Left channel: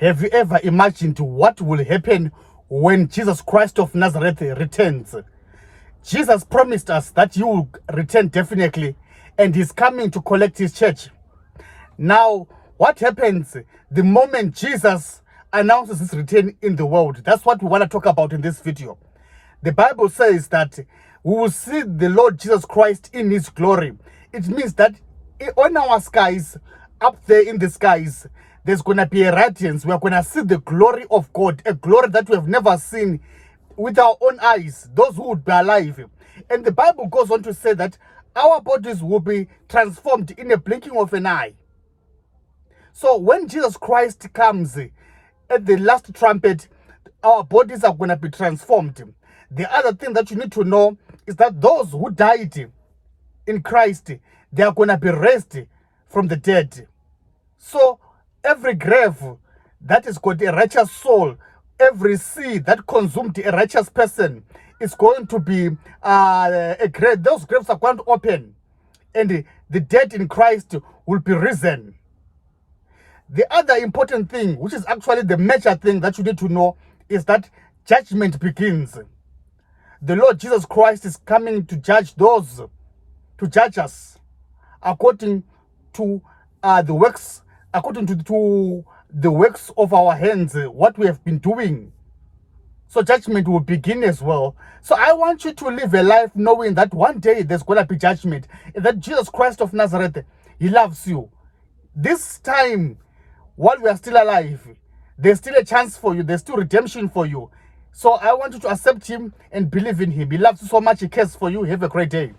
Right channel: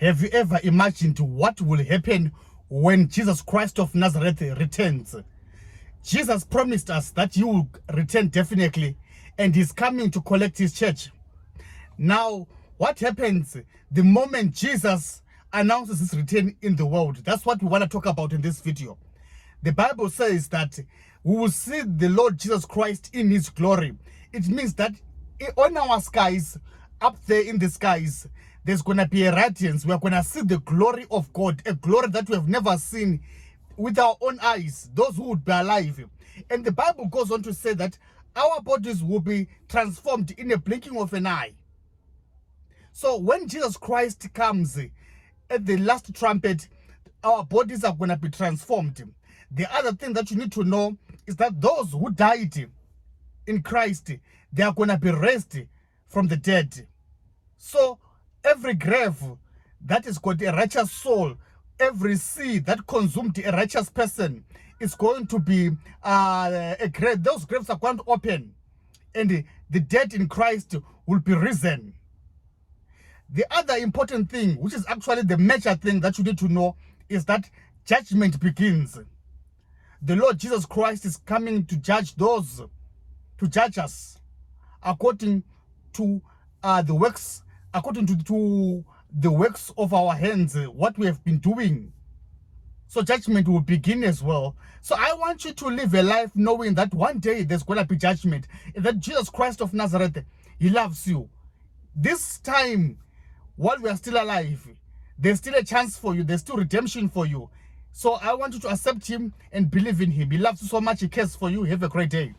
Have you ever imagined what will happen when Jesus Christ of Nazareth returns? Jesus promised us that he will return definitely, and he's coming to collect his church. Now, what happens the moment Jesus announces his return in the world? That's what we want to talk about in this video. The Bible says that we will see the Lord Jesus Christ in his glory. It means that on our skies, up there in the skies, there's going to be a radiance. We are going to see the glory of God, a glory that we have never seen with our own eyes, those who would be alive. And the Bible goes on to say that our bodies will be transformed in a blinking of an eye. So when Jesus Christ comes at the last trumpet, our bodies are going to be transformed. The other thing that you need to know is that those who died in Christ, they are going to be raised from the dead. So every grave that has got a righteous soul, every sea that consumed a righteous person is going to be a grave. Those graves are going to open, and the dead in Christ will be risen. The other important thing, which is actually the major thing that you need to know, is that judgment begins. The Lord Jesus Christ is coming to judge those, to judge us according to the works, according to the works of our hands, what we have been doing. So judgment will begin as well. So I want you to live a life knowing that one day there's going to be judgment, and that Jesus Christ of Nazareth, he loves you. This time, while we are still alive, there's still a chance for you. There's still redemption for you. So I want you to accept him and believe in him. He loves you so much. He cares for you. Have a great day.